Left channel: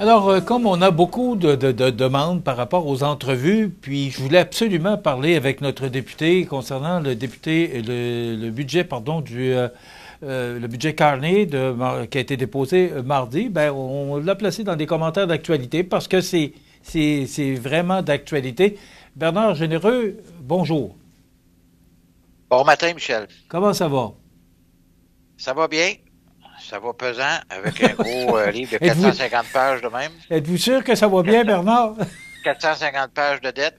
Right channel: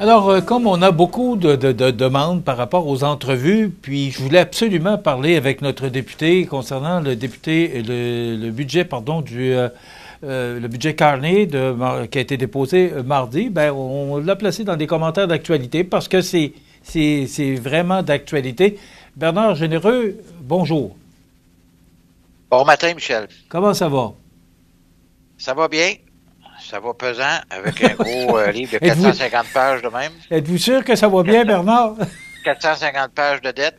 Alors, comme on a beaucoup de demandes par rapport aux entrevues, puis je voulais absolument parler avec notre député concernant le budget, pardon, le budget Carney qui a été déposé mardi. Ben, on l'a placé dans des commentaires d'actualité parce que c'est vraiment d'actualité. Bernard Généreux, bonjour. Bon matin, Michel. Comment ça va? Ça va bien? Ça va pesant avec un gros livre de Êtes-vous 450 pages de même. êtes-vous sûr que ça va bien, Bernard? 450 pages de dette.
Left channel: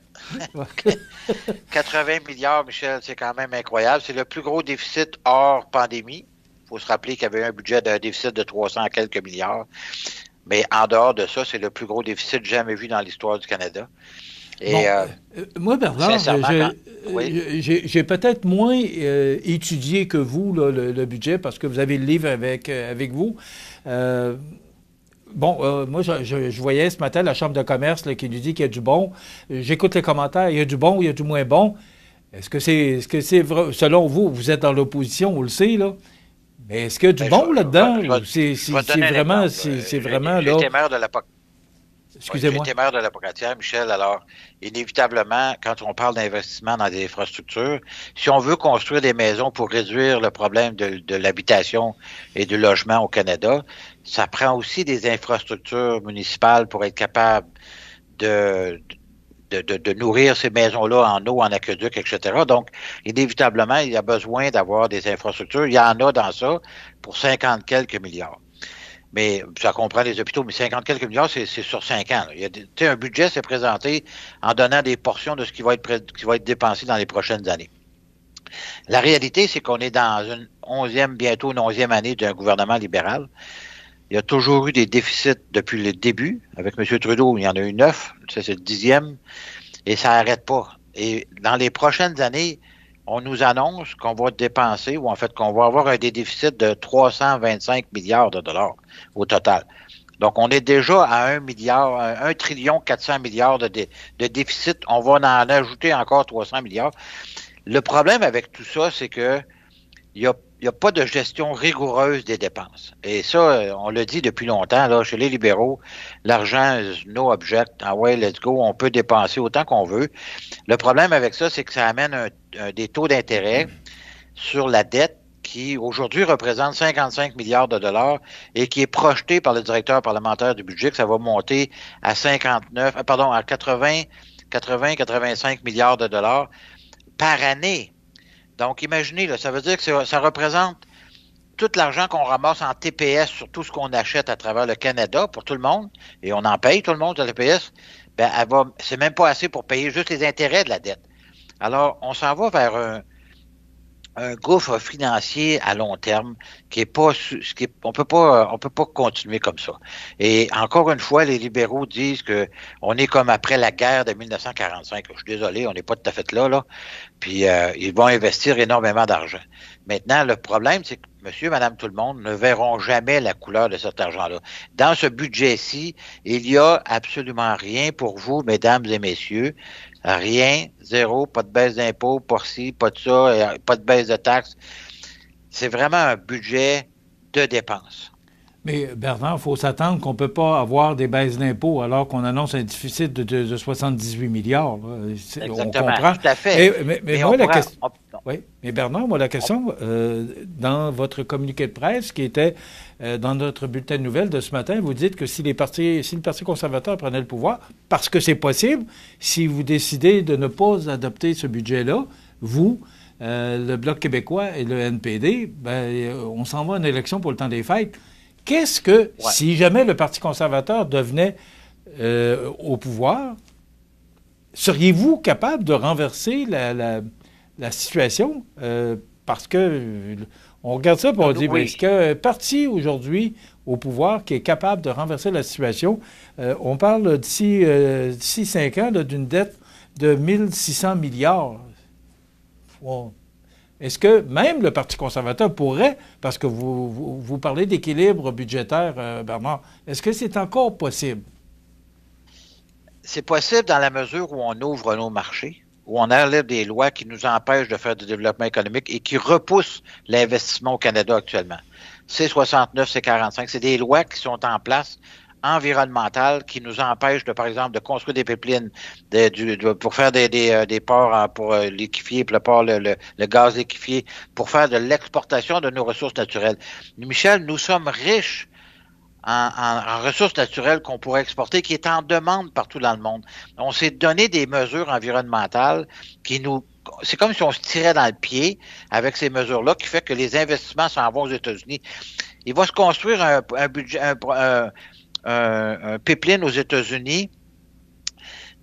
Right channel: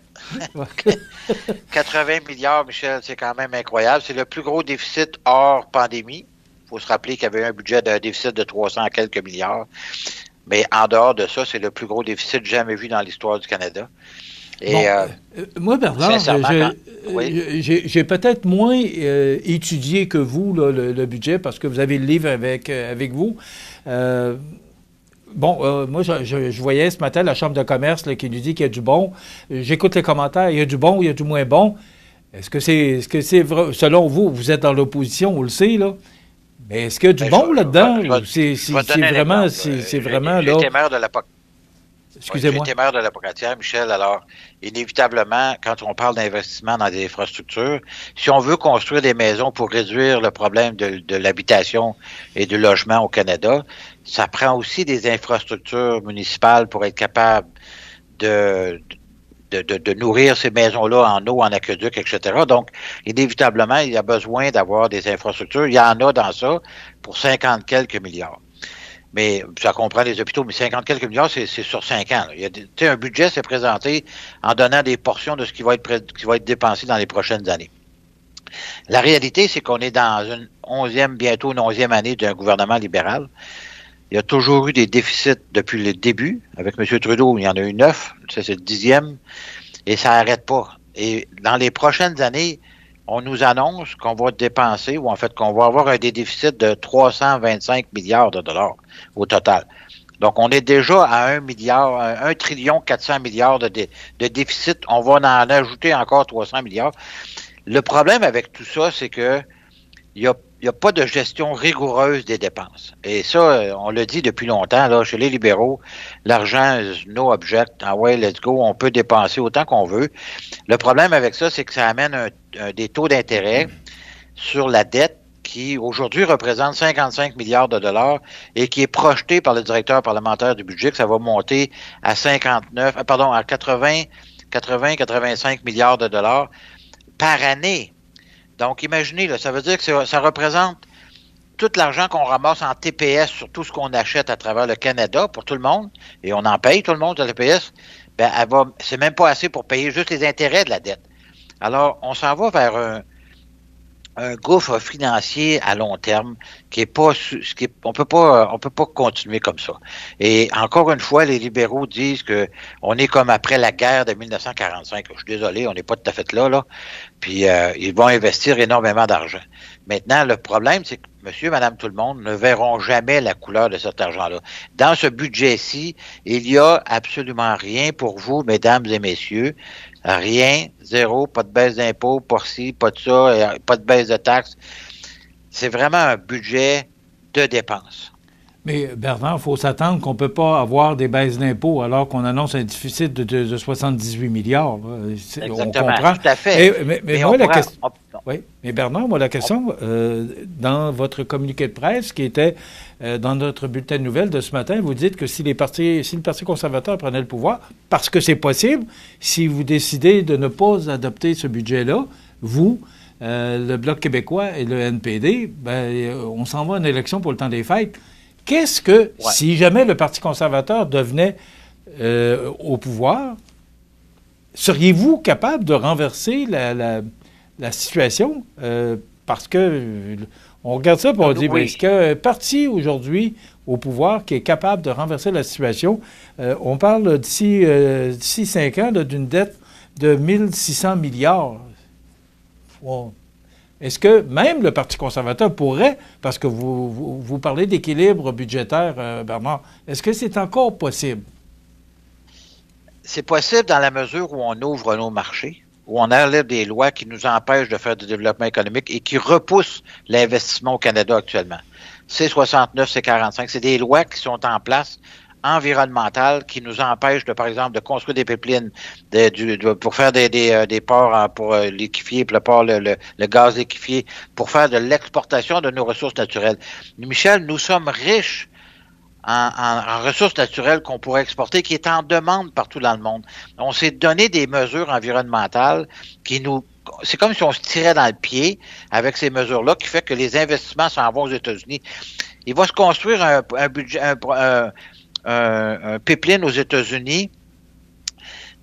80 milliards, Michel, c'est quand même incroyable. C'est le plus gros déficit hors pandémie. Il faut se rappeler qu'il y avait un budget d'un déficit de 300 quelques milliards. Mais en dehors de ça, c'est le plus gros déficit jamais vu dans l'histoire du Canada. Bon, Et moi, Bernard, sincèrement, oui, j'ai peut-être moins étudié que vous là, le budget parce que vous avez le livre avec vous. Euh, moi, je voyais ce matin la Chambre de commerce là, qui nous dit qu'il y a du bon. J'écoute les commentaires, il y a du bon, il y a du moins bon. Est-ce que c'est vrai? Selon vous, vous êtes dans l'opposition, on le sait, là. Mais est-ce qu'il y a du ben, bon là-dedans? Ou je vais te donner un vraiment, exemple. c'est vraiment, J'ai là, été maire de la Oui, j'ai excusez-moi. été maire de la Pocatière, Michel. Alors, inévitablement, quand on parle d'investissement dans des infrastructures, si on veut construire des maisons pour réduire le problème de l'habitation et du logement au Canada, ça prend aussi des infrastructures municipales pour être capable de, de nourrir ces maisons-là en eau, en aqueduc, etc. Donc, inévitablement, il y a besoin d'avoir des infrastructures. Il y en a dans ça pour 50 quelques milliards. Mais ça comprend les hôpitaux, mais 50 quelques milliards, c'est sur 5 ans. Là. Il y a un budget s'est présenté en donnant des portions de ce qui va être dépensé dans les prochaines années. La réalité, c'est qu'on est dans une bientôt une 11e année d'un gouvernement libéral. Il y a toujours eu des déficits depuis le début. Avec M. Trudeau, il y en a eu 9. Ça, c'est le 10e. Et ça n'arrête pas. Et dans les prochaines années, on nous annonce qu'on va dépenser, ou en fait qu'on va avoir un déficit de 325 milliards de dollars au total. Donc, on est déjà à 1 trillion 400 milliards de déficit. On va en ajouter encore 300 milliards. Le problème avec tout ça, c'est que il y a pas de gestion rigoureuse des dépenses. Et ça, on le dit depuis longtemps, là, chez les libéraux, l'argent, no object, ah ouais, let's go, on peut dépenser autant qu'on veut. Le problème avec ça, c'est que ça amène des taux d'intérêt sur la dette qui aujourd'hui représente 55 milliards de dollars et qui est projeté par le directeur parlementaire du budget que ça va monter à 85 milliards de dollars par année. Donc, imaginez, là, ça veut dire que ça représente tout l'argent qu'on ramasse en TPS sur tout ce qu'on achète à travers le Canada pour tout le monde, et on en paye tout le monde de TPS, ben, c'est même pas assez pour payer juste les intérêts de la dette. Alors, on s'en va vers un gouffre financier à long terme qui est pas, on peut pas continuer comme ça. Et encore une fois, les libéraux disent que on est comme après la guerre de 1945. Je suis désolé, on n'est pas tout à fait là. Puis ils vont investir énormément d'argent. Maintenant, le problème, c'est que monsieur, madame, tout le monde ne verront jamais la couleur de cet argent-là. Dans ce budget-ci, il y a absolument rien pour vous, mesdames et messieurs. Rien, zéro, pas de baisse d'impôts, pas ci, pas de ça, pas de baisse de taxes. C'est vraiment un budget de dépenses. Mais Bernard, il faut s'attendre qu'on ne peut pas avoir des baisses d'impôts alors qu'on annonce un déficit de 78 milliards. Là. On Exactement, comprend. tout à fait. Mais Mais moi, on la pourrait... question. Oui, mais Bernard, moi, la question, dans votre communiqué de presse qui était dans notre bulletin de nouvelles de ce matin, vous dites que si le Parti conservateur prenait le pouvoir, parce que c'est possible, si vous décidez de ne pas adopter ce budget-là, vous, le Bloc québécois et le NPD, ben, on s'en va en élection pour le temps des fêtes. Qu'est-ce que, Ouais. si jamais le Parti conservateur devenait au pouvoir, seriez-vous capable de renverser la situation? Parce que on regarde ça et on dit, ben, est-ce Oui. qu'il y a un parti aujourd'hui au pouvoir qui est capable de renverser la situation? On parle d'ici 5 ans là, d'une dette de 1600 milliards. Wow. Est-ce que même le Parti conservateur pourrait, parce que vous parlez d'équilibre budgétaire, Bernard, est-ce que c'est encore possible? C'est possible dans la mesure où on ouvre nos marchés, où on enlève des lois qui nous empêchent de faire du développement économique et qui repoussent l'investissement au Canada actuellement. C69, C45, c'est des lois qui sont en place environnementales qui nous empêchent, par exemple, de construire des pipelines pour faire des ports pour liquéfier, pour le gaz liquéfié, pour faire de l'exportation de nos ressources naturelles. Michel, nous sommes riches en ressources naturelles qu'on pourrait exporter, qui est en demande partout dans le monde. On s'est donné des mesures environnementales c'est comme si on se tirait dans le pied avec ces mesures-là, qui fait que les investissements s'en vont aux États-Unis. Il va se construire un pipeline aux États-Unis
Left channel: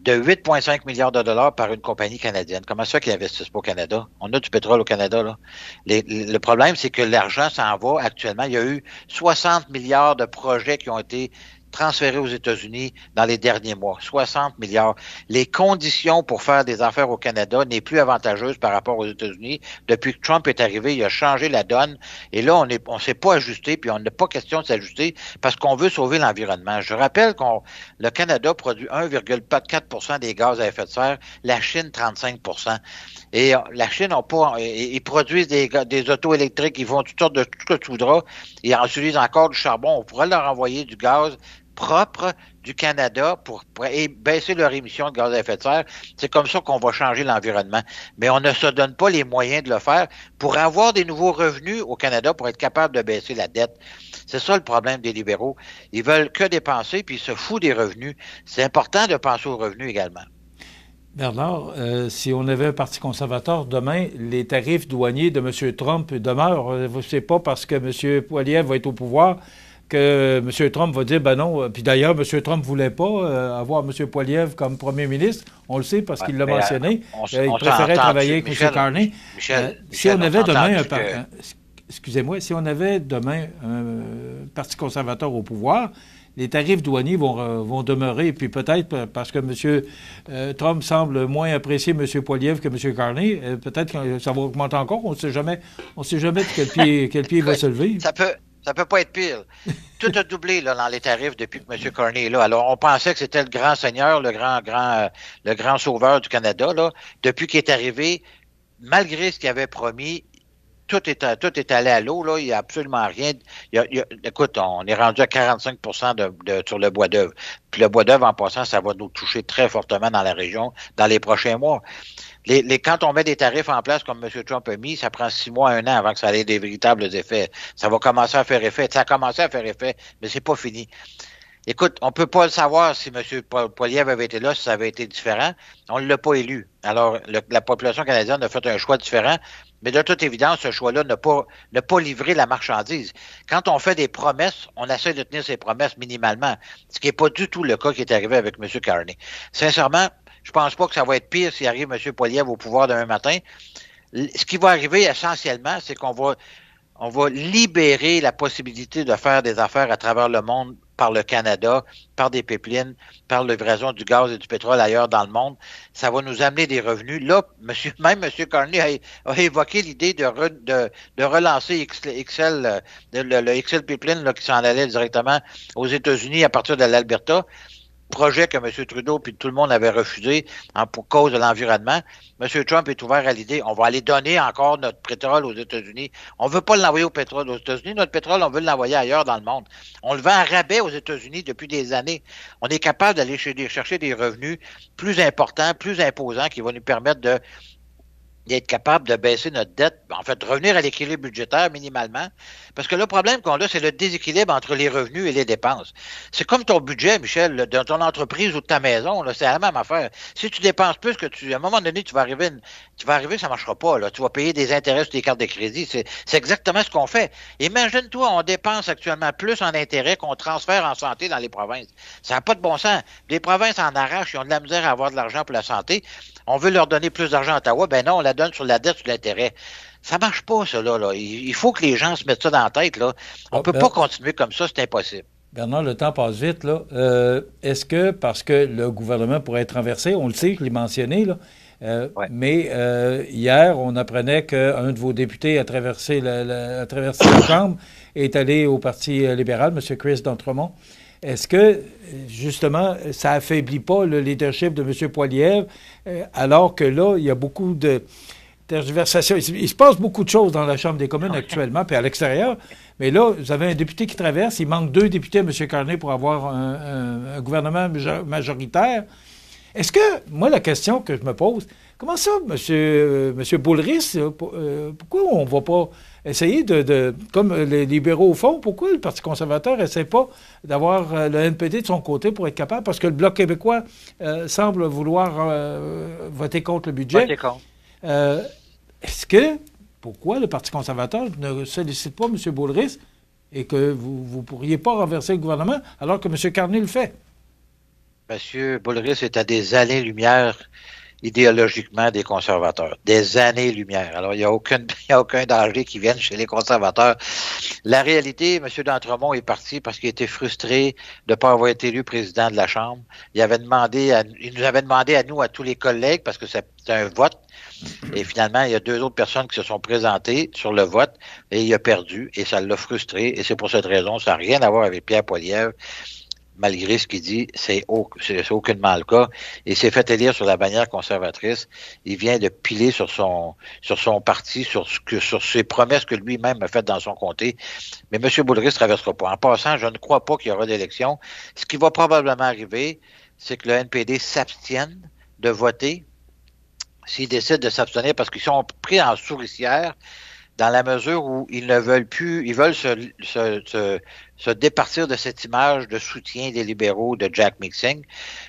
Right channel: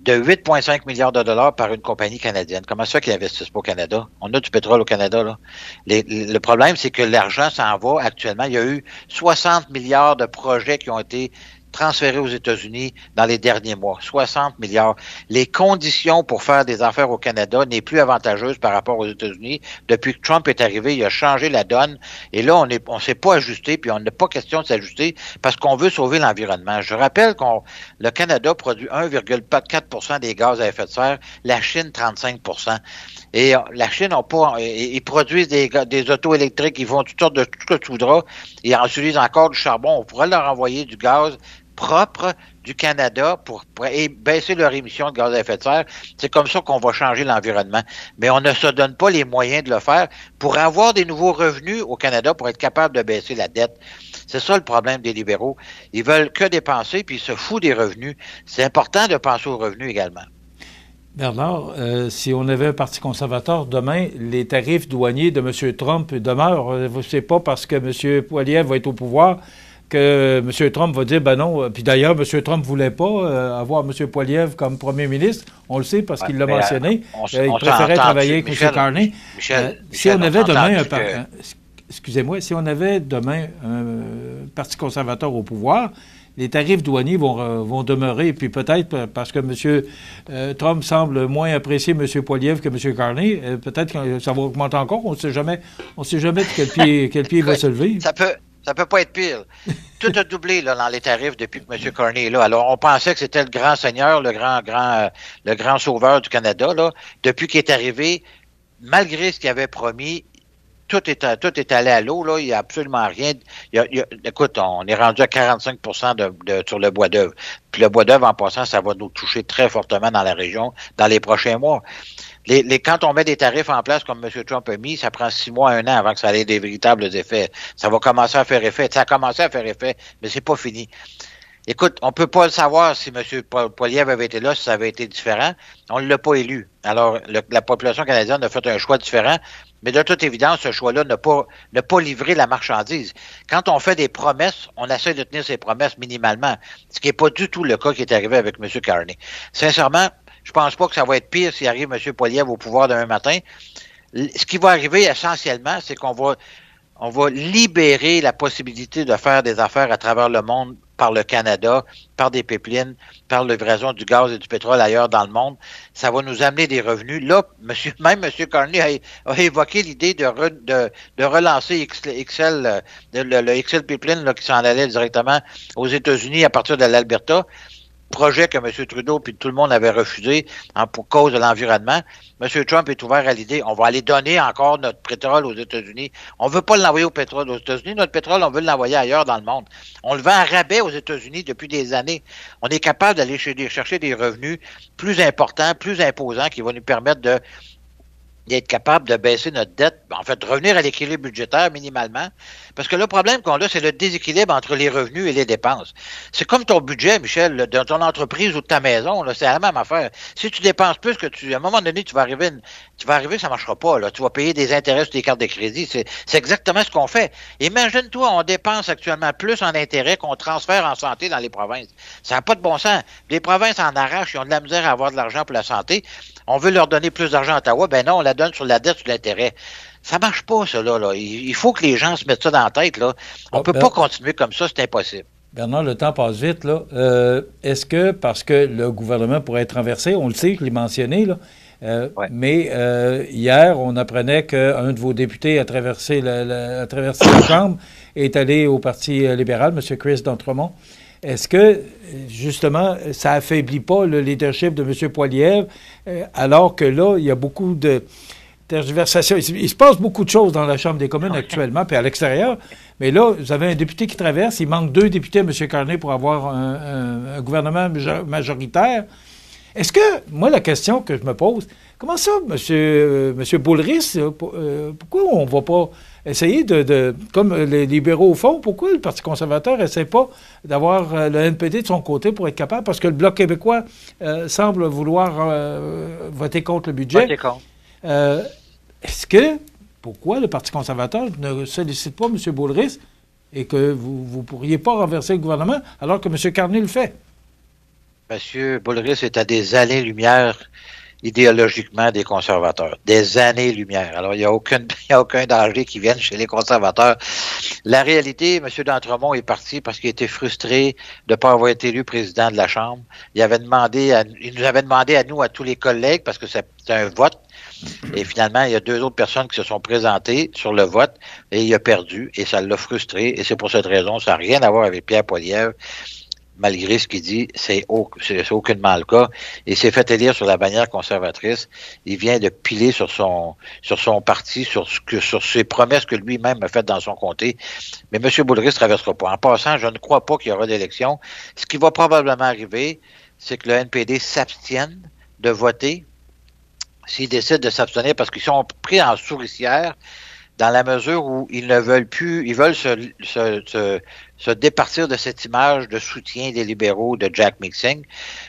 de 8,5 milliards de dollars par une compagnie canadienne. Comment ça qu'ils investissent pas au Canada? On a du pétrole au Canada, là. Le problème, c'est que l'argent s'en va actuellement. Il y a eu 60 milliards de projets qui ont été transférés aux États-Unis dans les derniers mois. 60 milliards. Les conditions pour faire des affaires au Canada n'est plus avantageuse par rapport aux États-Unis. Depuis que Trump est arrivé, il a changé la donne. Et là, on s'est pas ajusté, puis on n'a pas question de s'ajuster parce qu'on veut sauver l'environnement. Je rappelle le Canada produit 1,4 % des gaz à effet de serre, la Chine 35 %. Et la Chine ils produisent des autos électriques, ils font toutes sortes de tout ce que tu voudras. Ils en utilisent encore du charbon. On pourrait leur envoyer du gaz propre du Canada pour baisser leur émission de gaz à effet de serre. C'est comme ça qu'on va changer l'environnement. Mais on ne se donne pas les moyens de le faire pour avoir des nouveaux revenus au Canada pour être capable de baisser la dette. C'est ça le problème des libéraux. Ils veulent que dépenser puis ils se foutent des revenus. C'est important de penser aux revenus également. Bernard, si on avait un parti conservateur demain, les tarifs douaniers de M. Trump demeurent. C'est pas parce que M. Poilievre va être au pouvoir que M. Trump va dire, ben non. Puis d'ailleurs, M. Trump ne voulait pas avoir M. Poilievre comme premier ministre. On le sait parce qu'il l'a mentionné. Il préférait travailler avec M. Carney. Si on avait demain excusez-moi, si on avait demain un parti conservateur au pouvoir, les tarifs douaniers vont demeurer. Puis peut-être parce que M. Trump semble moins apprécier M. Poilievre que M. Carney, peut-être que ça va augmenter encore. On ne sait jamais de quel pied il va se lever. Ça peut pas être pire. Tout a doublé là, dans les tarifs depuis que M. Carney est là. Alors, on pensait que c'était le grand seigneur, le grand sauveur du Canada. Là. Depuis qu'il est arrivé, malgré ce qu'il avait promis, tout est allé à l'eau. Là. Il n'y a absolument rien. Écoute, on est rendu à 45 % sur le bois d'œuvre. Puis le bois d'œuvre, en passant, ça va nous toucher très fortement dans la région dans les prochains mois. Quand on met des tarifs en place comme M. Trump a mis, ça prend 6 mois, 1 an avant que ça ait des véritables effets. Ça va commencer à faire effet. Ça a commencé à faire effet, mais c'est pas fini. Écoute, on peut pas le savoir si M. Poilievre avait été là, si ça avait été différent. On ne l'a pas élu. Alors, la population canadienne a fait un choix différent, mais de toute évidence, ce choix-là n'a pas livré la marchandise. Quand on fait des promesses, on essaie de tenir ses promesses minimalement, ce qui n'est pas du tout le cas qui est arrivé avec M. Carney. Sincèrement, je pense pas que ça va être pire s'il arrive M. Poilievre au pouvoir demain matin. Ce qui va arriver essentiellement, c'est qu'on va libérer la possibilité de faire des affaires à travers le monde par le Canada, par des pipelines, par livraison du gaz et du pétrole ailleurs dans le monde. Ça va nous amener des revenus. Là, même M. Carney a évoqué l'idée de relancer le XL Pipeline là, qui s'en allait directement aux États-Unis à partir de l'Alberta. Projet que M. Trudeau puis tout le monde avait refusé pour cause de l'environnement. M. Trump est ouvert à l'idée, on va aller donner encore notre pétrole aux États-Unis. On veut pas l'envoyer au pétrole aux États-Unis. Notre pétrole, on veut l'envoyer ailleurs dans le monde. On le vend à rabais aux États-Unis depuis des années. On est capable d'aller chercher des revenus plus importants, plus imposants qui vont nous permettre d'être capable de baisser notre dette, en fait, de revenir à l'équilibre budgétaire minimalement. Parce que le problème qu'on a, c'est le déséquilibre entre les revenus et les dépenses. C'est comme ton budget, Michel, de ton entreprise ou de ta maison, là, c'est la même affaire. Si tu dépenses plus que à un moment donné, tu vas arriver, ça marchera pas, là. Tu vas payer des intérêts sur tes cartes de crédit. C'est exactement ce qu'on fait. Imagine-toi, on dépense actuellement plus en intérêts qu'on transfère en santé dans les provinces. Ça n'a pas de bon sens. Les provinces en arrachent, ils ont de la misère à avoir de l'argent pour la santé. On veut leur donner plus d'argent à Ottawa. Ben non, on la donne sur la dette, sur l'intérêt. Ça marche pas, ça, là. Il faut que les gens se mettent ça dans la tête, là. On peut pas continuer comme ça, c'est impossible. Bernard, le temps passe vite, là. Est-ce que, parce que le gouvernement pourrait être renversé, on le sait, je l'ai mentionné, là, ouais. Mais hier, on apprenait qu'un de vos députés a traversé la Chambre et est allé au Parti libéral, M. Chris d'Entremont. Est-ce que, justement, ça affaiblit pas le leadership de M. Poilievre, alors que là, il y a beaucoup de tergiversation. Il se passe beaucoup de choses dans la Chambre des communes actuellement, puis à l'extérieur. Mais là, vous avez un député qui traverse. Il manque 2 députés, M. Carney, pour avoir un gouvernement majoritaire. Est-ce que, moi, la question que je me pose, comment ça, M. Boulris, pourquoi on ne va pas essayer comme les libéraux font, pourquoi le Parti conservateur n'essaie pas d'avoir le NPD de son côté pour être capable, parce que le Bloc québécois semble vouloir voter contre le budget. Voter contre. Pourquoi le Parti conservateur ne sollicite pas M. Boulris et que vous ne pourriez pas renverser le gouvernement alors que M. Carney le fait? M. Boulris est à des années-lumière idéologiquement des conservateurs. Des années-lumière. Alors, il n'y a aucun danger qui vienne chez les conservateurs. La réalité, M. d'Entremont est parti parce qu'il était frustré de ne pas avoir été élu président de la Chambre. Il nous avait demandé à nous, à tous les collègues, parce que c'est un vote. Et finalement, il y a 2 autres personnes qui se sont présentées sur le vote et il a perdu et ça l'a frustré. Et c'est pour cette raison, ça n'a rien à voir avec Pierre Poilievre. Malgré ce qu'il dit, c'est aucunement le cas. Il s'est fait élire sur la bannière conservatrice. Il vient de piler sur son parti, sur ses promesses que lui-même a faites dans son comté. Mais M. Boulris ne traversera pas. En passant, je ne crois pas qu'il y aura d'élection. Ce qui va probablement arriver, c'est que le NPD s'abstienne de voter s'ils décident de s'abstenir parce qu'ils sont pris en souricière dans la mesure où ils ne veulent plus, ils veulent se départir de cette image de soutien des libéraux de Jack Mixing.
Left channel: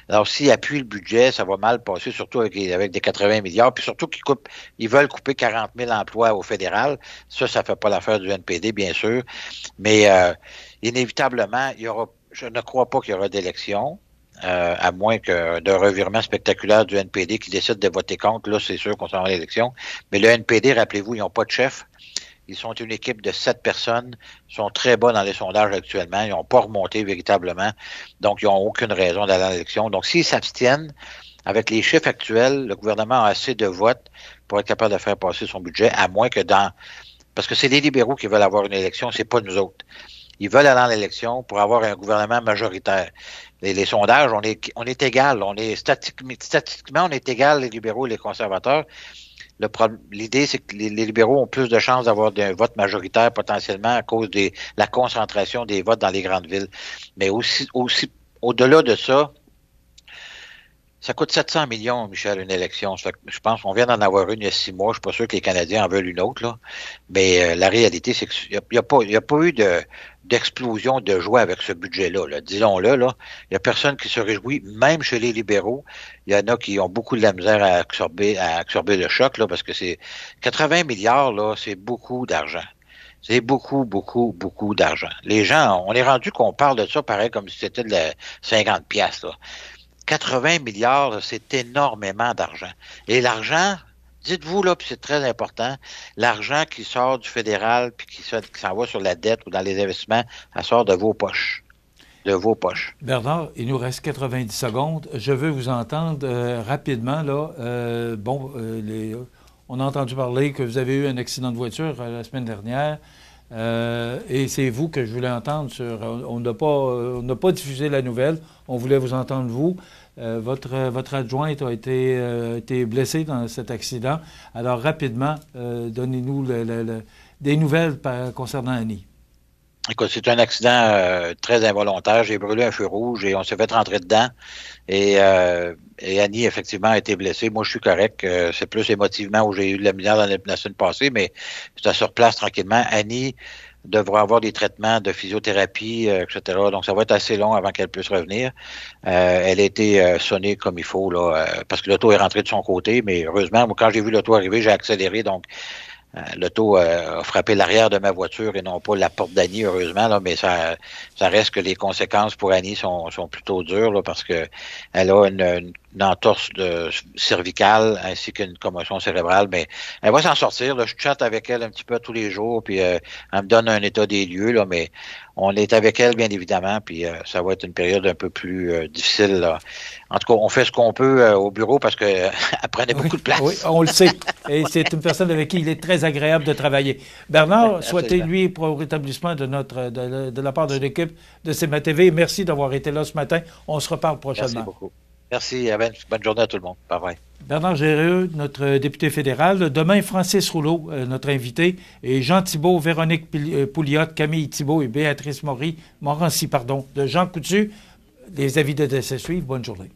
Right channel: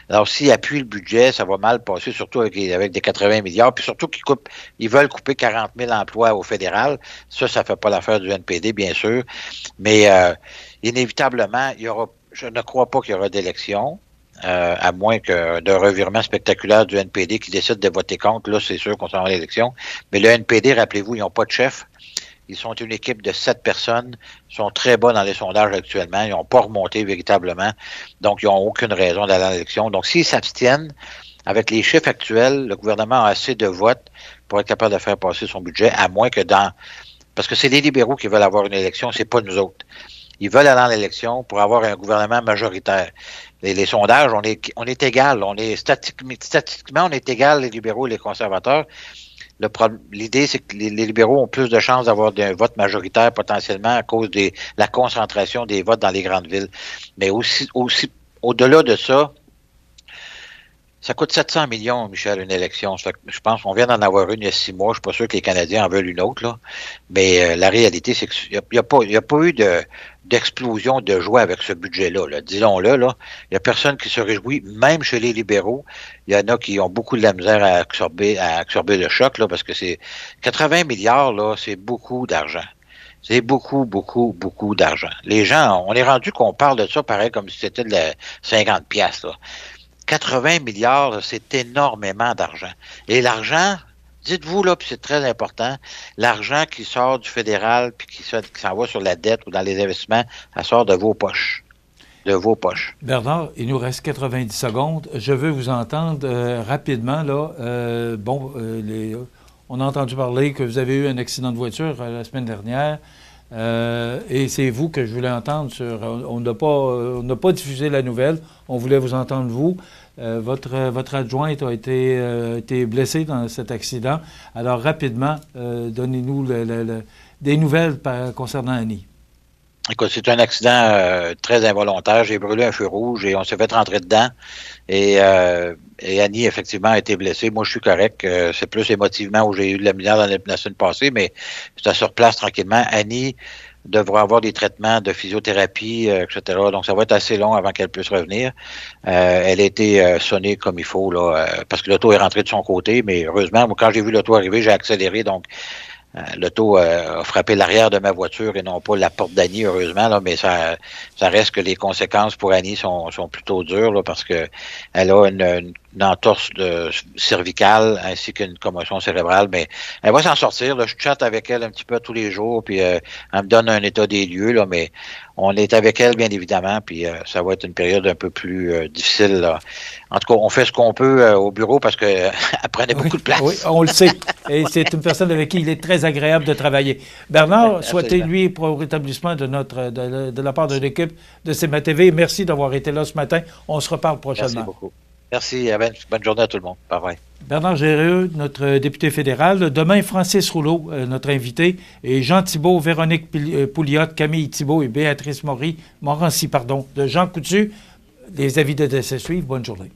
Alors, s'ils appuient le budget, ça va mal passer, surtout avec des 80 milliards, puis surtout ils veulent couper 40 000 emplois au fédéral. Ça fait pas l'affaire du NPD, bien sûr. Mais inévitablement, je ne crois pas qu'il y aura d'élection. À moins que d'un revirement spectaculaire du NPD qui décide de voter contre, là, c'est sûr qu'on s'en va à l'élection. Mais le NPD, rappelez-vous, ils n'ont pas de chef. Ils sont une équipe de 7 personnes. Ils sont très bas dans les sondages actuellement. Ils n'ont pas remonté véritablement. Donc, ils n'ont aucune raison d'aller à l'élection. Donc, s'ils s'abstiennent, avec les chiffres actuels, le gouvernement a assez de votes pour être capable de faire passer son budget, à moins que parce que c'est les libéraux qui veulent avoir une élection, c'est pas nous autres. Ils veulent aller en élection pour avoir un gouvernement majoritaire. Les sondages, on est égal. Statistiquement, on est égal, les libéraux et les conservateurs. L'idée, c'est que les libéraux ont plus de chances d'avoir un vote majoritaire potentiellement à cause de la concentration des votes dans les grandes villes. Mais aussi au-delà de ça, ça coûte 700 millions, Michel, une élection. Je pense qu'on vient d'en avoir une il y a 6 mois. Je suis pas sûr que les Canadiens en veulent une autre, là. Mais la réalité, c'est qu'il n'y a pas eu d'explosion de joie avec ce budget-là. Là. Disons-le, là. Il n'y a personne qui se réjouit, même chez les libéraux. Il y en a qui ont beaucoup de la misère à absorber le choc, là, parce que c'est 80 milliards, là, c'est beaucoup d'argent. C'est beaucoup, beaucoup, beaucoup d'argent. Les gens, on est rendu qu'on parle de ça pareil comme si c'était de 50 piastres, là. 80 milliards, c'est énormément d'argent. Et l'argent, dites-vous là, puis c'est très important, l'argent qui sort du fédéral puis qui s'en va sur la dette ou dans les investissements, ça sort de vos poches. De vos poches. Bernard, il nous reste 90 secondes. Je veux vous entendre rapidement. Là. On a entendu parler que vous avez eu un accident de voiture la semaine dernière. Et c'est vous que je voulais entendre sur... On n'a pas diffusé la nouvelle. On voulait vous entendre, vous. Votre adjointe a été blessée dans cet accident. Alors, rapidement, donnez-nous des nouvelles concernant Annie. Écoute, c'est un accident très involontaire. J'ai brûlé un feu rouge et on s'est fait rentrer dedans. Et Annie, effectivement, a été blessée. Moi, je suis correct. C'est plus émotivement où j'ai eu de la misère la semaine passée, mais c'est sur place tranquillement. Annie devra avoir des traitements de physiothérapie, etc. Donc, ça va être assez long avant qu'elle puisse revenir. Elle a été sonnée comme il faut, là, parce que l'auto est rentrée de son côté. Mais heureusement, moi, quand j'ai vu l'auto arriver, j'ai accéléré. Donc, l'auto a frappé l'arrière de ma voiture et non pas la porte d'Annie, heureusement, là, mais ça reste que les conséquences pour Annie sont plutôt dures, là, parce que elle a une entorse cervicale ainsi qu'une commotion cérébrale, mais elle va s'en sortir. Là. Je chatte avec elle un petit peu tous les jours, puis elle me donne un état des lieux, là, mais on est avec elle, bien évidemment, puis ça va être une période un peu plus difficile. Là. En tout cas, on fait ce qu'on peut au bureau parce que elle prenait beaucoup de place. Oui, on le sait. Et c'est une personne avec qui il est très agréable de travailler. Bernard, souhaitez-lui pour le rétablissement de la part de l'équipe de CMA TV. Merci d'avoir été là ce matin. On se reparle prochainement. Merci beaucoup. Merci. Bonne journée à tout le monde. Bye bye. Bernard Géreux, notre député fédéral. Demain, Francis Rouleau, notre invité, et Jean Thibault, Véronique Pouliot, Camille Thibault et Béatrice Morancy, pardon, de Jean Coutu. Les avis de décès suivent. Bonne journée.